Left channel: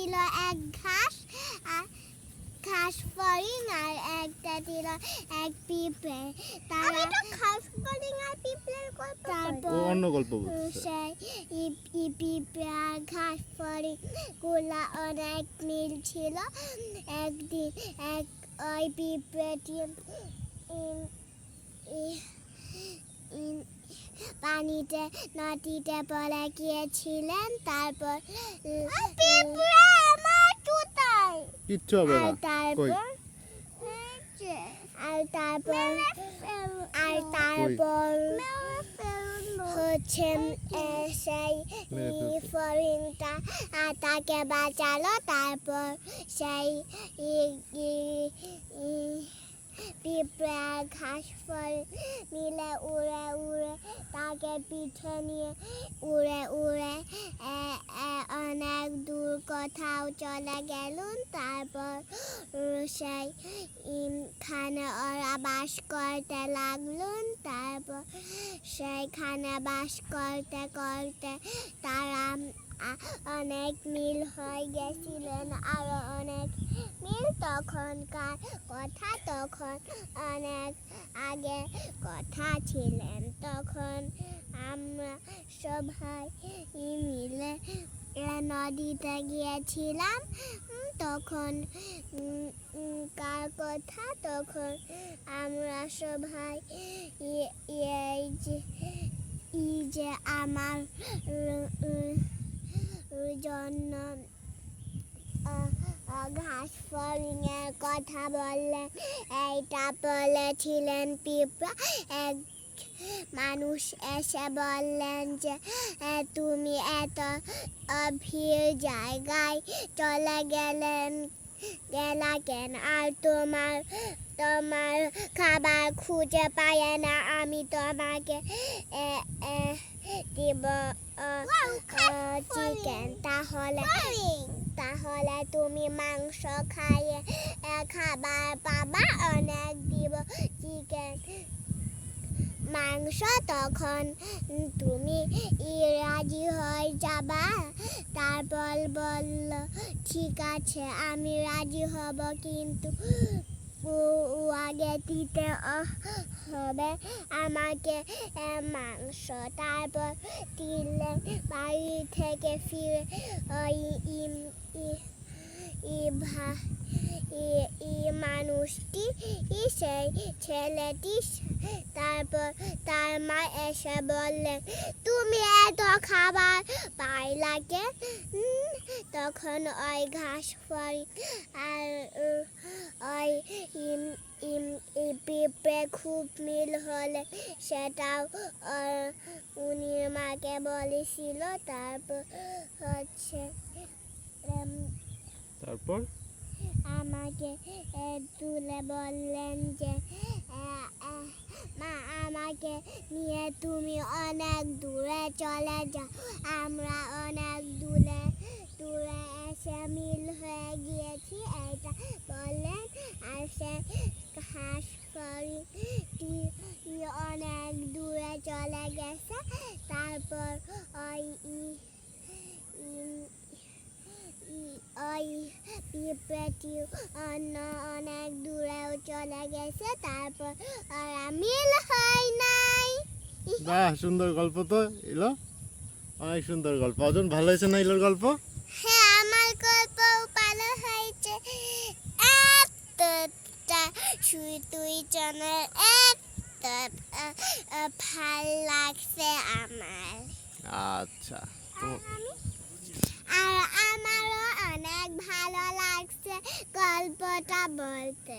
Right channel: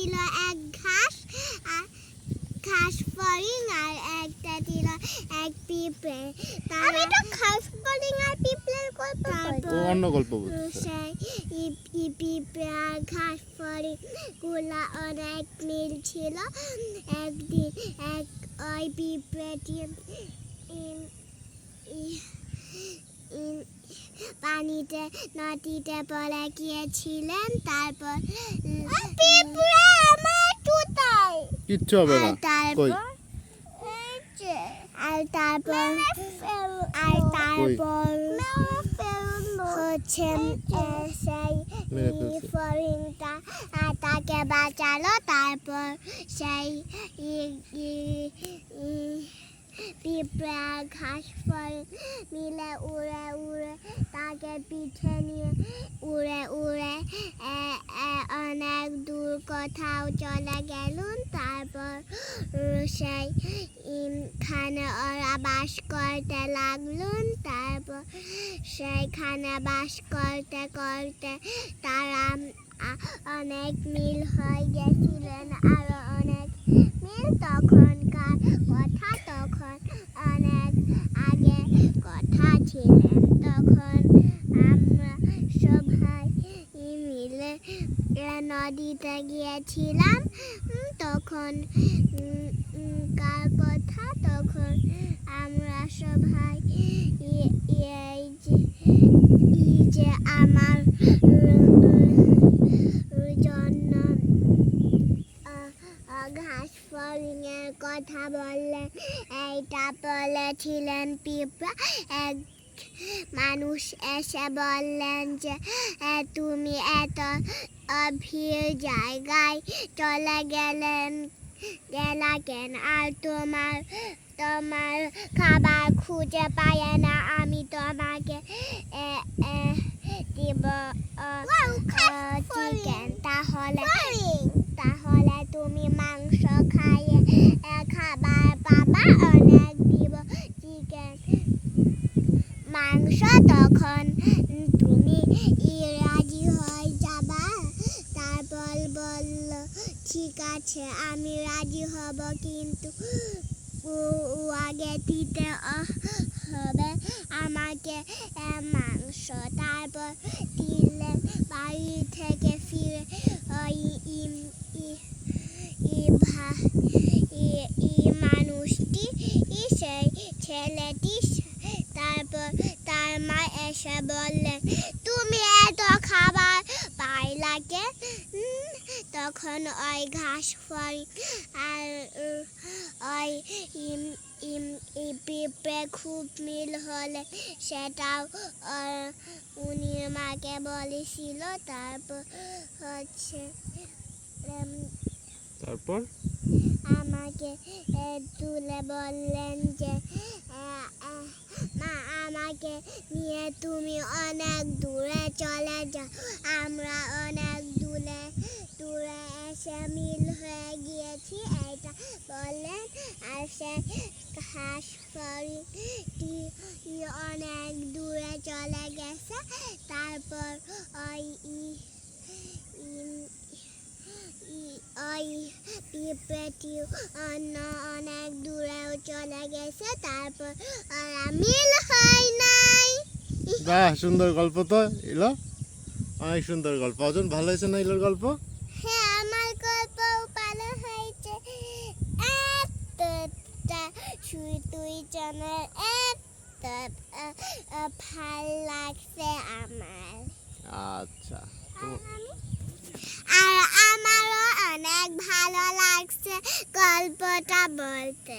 ছিল এক ঘাস ঘাস ফড়িং আর একটা ছিল এক পিঁপড়ে। তারা ঘাস ফড়িং আর পিঁপড়ের গল্প, তারপর অন্য গল্প বলছে। সেই পিঁপড়ে আর ঘাস ফড়িং গুলা অনেক মিল ছিল। একদিন ওই পিঁপড়েটি পানিতে নদীতে পড়ে গিয়েছিলেন। তারপর কিচ্ছু হবে না। তারপর হচ্ছে সেই ফড়িংটা তাকে বাঁচালো। তারপর সেই পিঁপড়ে আর ঘাস ফড়িং মিলে উড়ে উড়ে তাকে পিঠে নিয়ে উড়ে অনেক দূর কোথাও চলে গেলুন। তারপর সেইখানে ওরা বাস করতে লাগলুন। তারপর সেইখানে বাস করতে করতে তারা অনেক মিল হয়ে গেছিলেন, আরো অনেক মিল। তখনকার কথা, তখন অনেক আগে কথা ছিলেন। তখন আমরা সবাই মিলে নদীতে গিয়েছিলাম। তখন কার কথা, তখন আমরা সবাই যে আমার জন্য ঘাস ফড়িং এর কথা বললেন। এইটা বলেছিলেন পিঁপড়া। এক মানুষ এসে বললেন যে তুমি এত অভির জায়গায় চলে গেলা কেন, আর তোমার খাবার খুঁজে পায় না। আমি তোমাকে দিব চিকেন, তাহলে তুমি মাংস খাইয়ে খাবার পাবা, অনেক দিব চিকেন মাংস। তখন তুমি রাজি হয়ে যাবা। তারপর বলল ঠিক আছে, আমি রাজি হব, কিন্তু আগে দিতে হবে আমাকে মাংস। তারপর দিলেন। বাড়ি থেকে ফিরে মানুষটি, সেই ছেলেটি, তারপর তার মা এসে বললেন তুমি এত খাবার পাইলা কে? তখন ওই ঘাস ফড়িং আর ওই পিঁপড়ে খুব মিল হলে সেটাও উনি মাকে বলেছিল। তারপর হচ্ছে তারপর আমাকে তুলে বললেন যে মা, আমাকে নিয়ে তুমি অনেক দূরে চলে যাও। আমরা অনেক দূরে এসে মিল হয়ে গিয়েছি, এইটা বললেন। আর সে ঘাস ফড়িংটি অনেক দূরে চলে গেছে। তারপর ওই পিঁপড়েটি অনেক দূরেও চলে গেছে। তারপর ওরা মিল হয় নাই। বাহ, সুন্দর গল্প তো এলো, অনেক সুন্দর গল্প। অজন, ভালো হয়েছে না এলোর গল্প? হ্যাঁ, আমার গল্প ভালো হয়েছে। একটা তুই জনের একটা ভাল লাগছে আমার। আচ্ছা, আর আমারও অনেক ভালো লাগছে গল্পটা বলতে।